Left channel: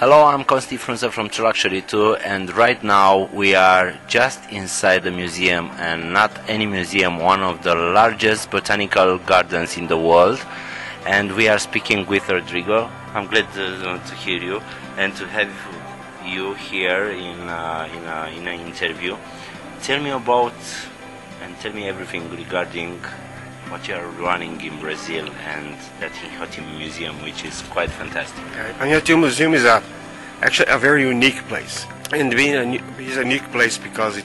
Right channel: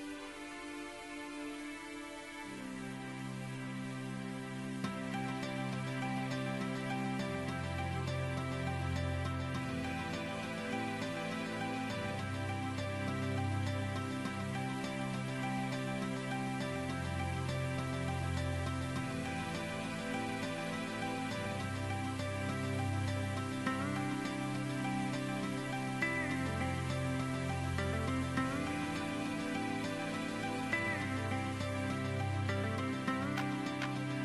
Hello, I'm Konsti Frunze from 2luxury2, and right now we are just inside the museum, and not any museum, one of the largest botanical gardens in the world. And we are speaking with Rodrigo. I'm glad to hear you and to have you here in an interview. Tell me about and tell me everything regarding what you are running in Brazil and that Inhotim Museum, which is quite fantastic. Inhotim Museum is actually a very unique place, and being is a unique place because it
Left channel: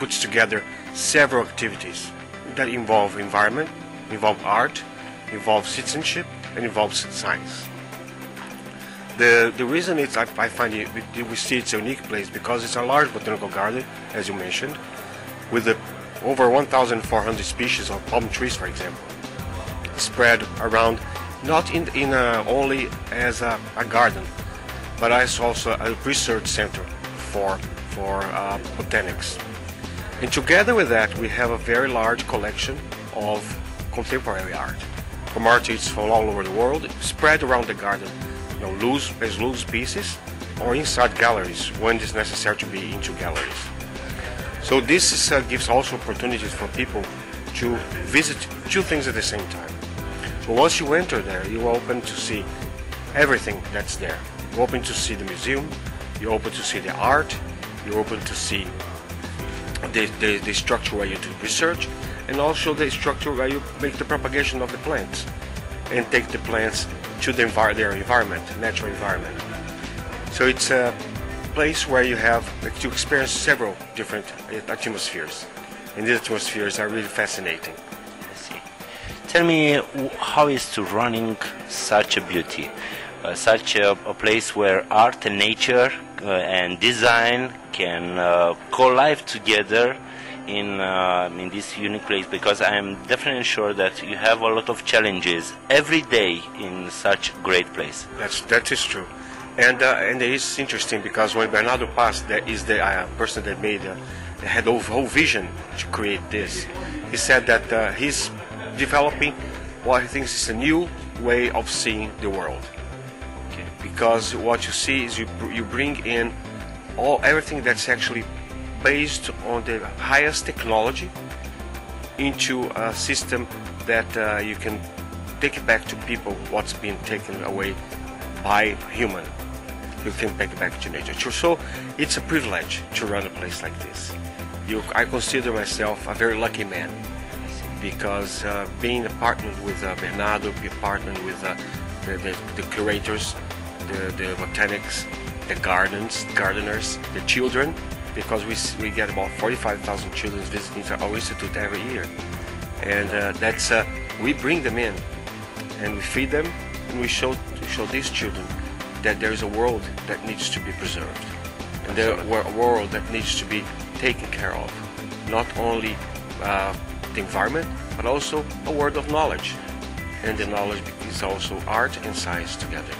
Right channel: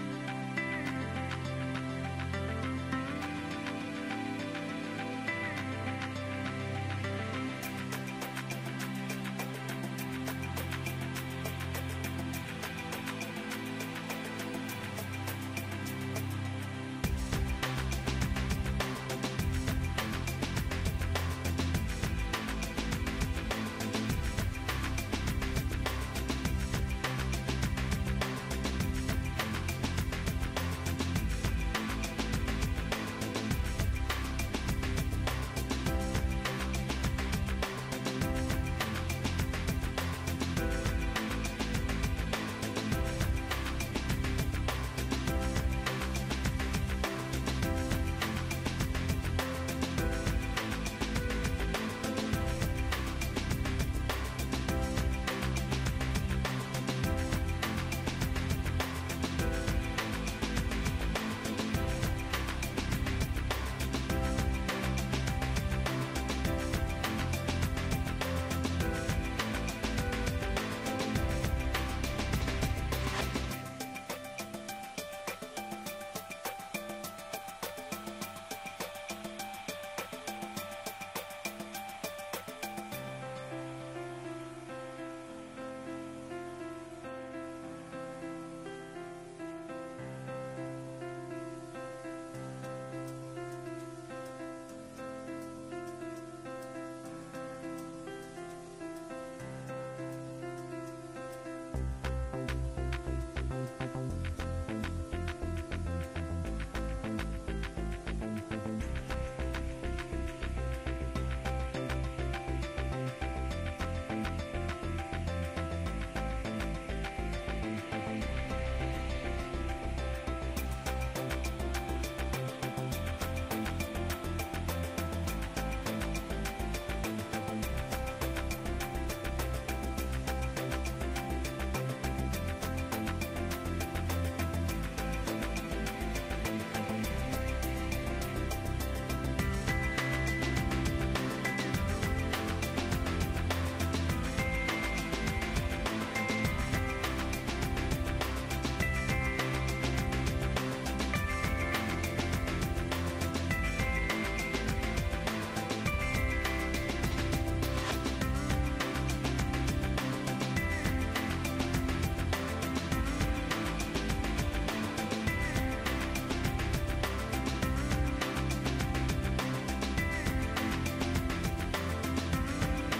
puts together several activities that involve environment, involve art, involve citizenship, and involves science. The reason I find we see it's a unique place because it's a large botanical garden, as you mentioned, with over 1,400 species of palm trees, for example, spread around, not only as a garden, but as also a research center for botanics. And together with that, we have a very large collection of contemporary art from artists from all over the world, spread around the garden, as loose pieces or inside galleries when it's necessary to be into galleries. So this gives also opportunities for people to visit two things at the same time. But once you enter there, you're open to see everything that's there. You're open to see the museum, you're open to see the art, you're open to see the structure where you do research, and also the structure where you make the propagation of the plants and take the plants to their environment, natural environment. So it's a place where you have to experience several different atmospheres, and these atmospheres are really fascinating. I see. Tell me, how is to running such a beauty, such a place where art and nature and design can co-live together in this unique place, because I am definitely sure that you have a lot of challenges every day in such a great place. That is true. And it is interesting because when Bernardo passed, that is the person that had the whole vision to create this. He said that he's developing what he thinks is a new way of seeing the world. Okay. Because what you see is you bring in everything that's actually based on the highest technology into a system that you can take it back to people what's being taken away by human. You can take it back to nature. So it's a privilege to run a place like this. I consider myself a very lucky man because being a partner with Bernardo, being a partner with the curators, the botanics, the gardeners, the children, because we get about 45,000 children visiting our institute every year. And we bring them in and we feed them, and we show these children that there is a world that needs to be preserved, and there a world that needs to be taken care of. Not only the environment, but also a world of knowledge. And the knowledge is also art and science together.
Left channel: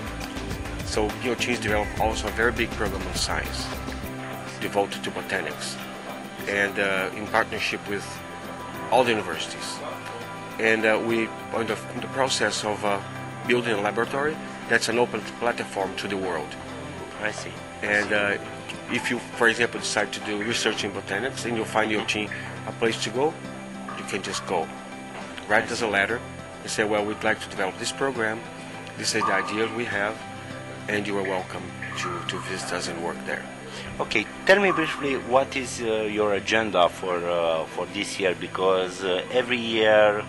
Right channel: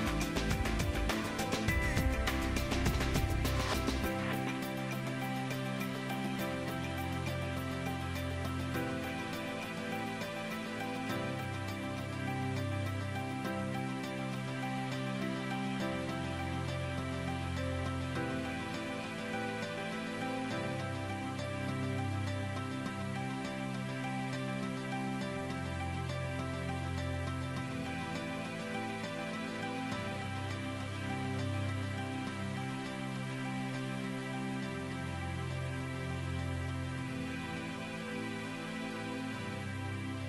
So Inhotim developed also a very big program of science devoted to botanics, and in partnership with all the universities. And we are in the process of building a laboratory that's an open platform to the world. I see. And if you, for example, decide to do research in botanics and you find your team a place to go, you can just go. Write us a letter and say, well, we'd like to develop this program, this is the idea we have, and you are welcome to visit us and work there. Okay, tell me briefly what is your agenda for this year, because every year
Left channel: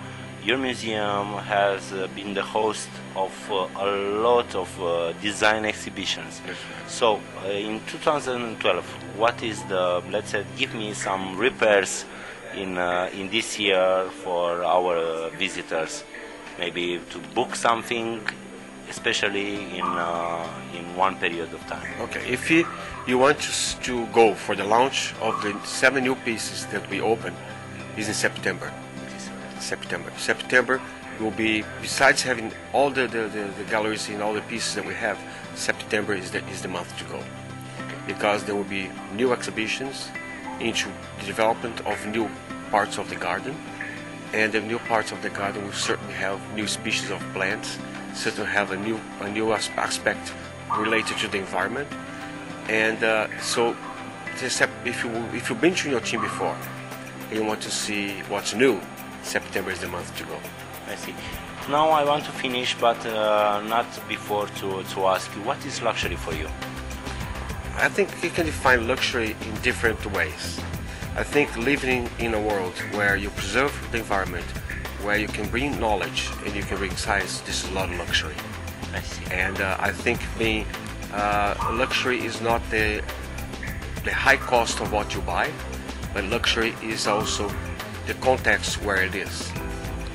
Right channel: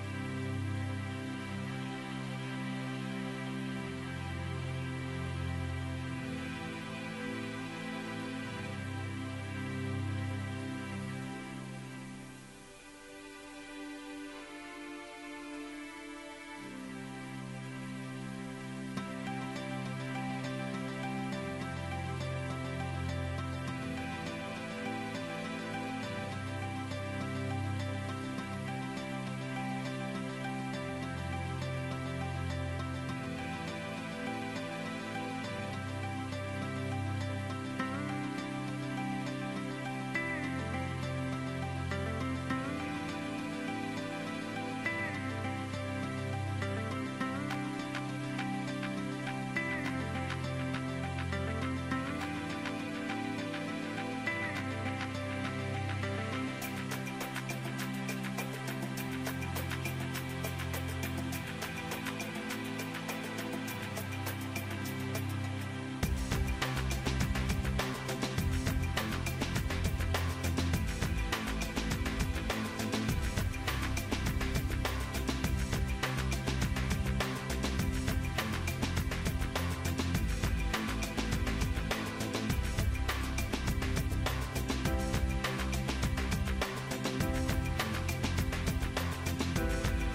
your museum has been the host of a lot of design exhibitions. Yes. So in 2012, what is let's say, give me some repairs in this year for our visitors, maybe to book something, especially in one period of time. Okay, if you want to go for the launch of the 7 new pieces that we open, is in September. September will be, besides having all the galleries in all the pieces that we have, September is the month to go, because there will be new exhibitions into the development of new parts of the garden, and the new parts of the garden will certainly have new species of plants, certainly have a new aspect related to the environment. And so, if you've been to Inhotim before, and you want to see what's new, September is the month to go. I see. Now I want to finish, but not before to ask you, what is luxury for you? I think you can define luxury in different ways. I think living in a world where you preserve the environment, where you can bring knowledge and you can bring science, this is a lot of luxury. I see. And I think being luxury is not the high cost of what you buy, but luxury is also the context where it is.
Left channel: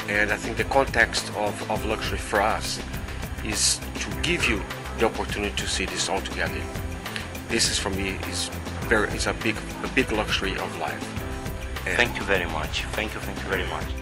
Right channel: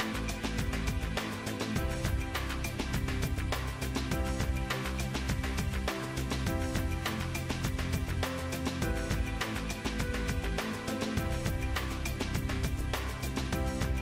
And I think the context of luxury for us is to give you the opportunity to see this all together. This is for me is a big luxury of life. And thank you very much. Thank you very much.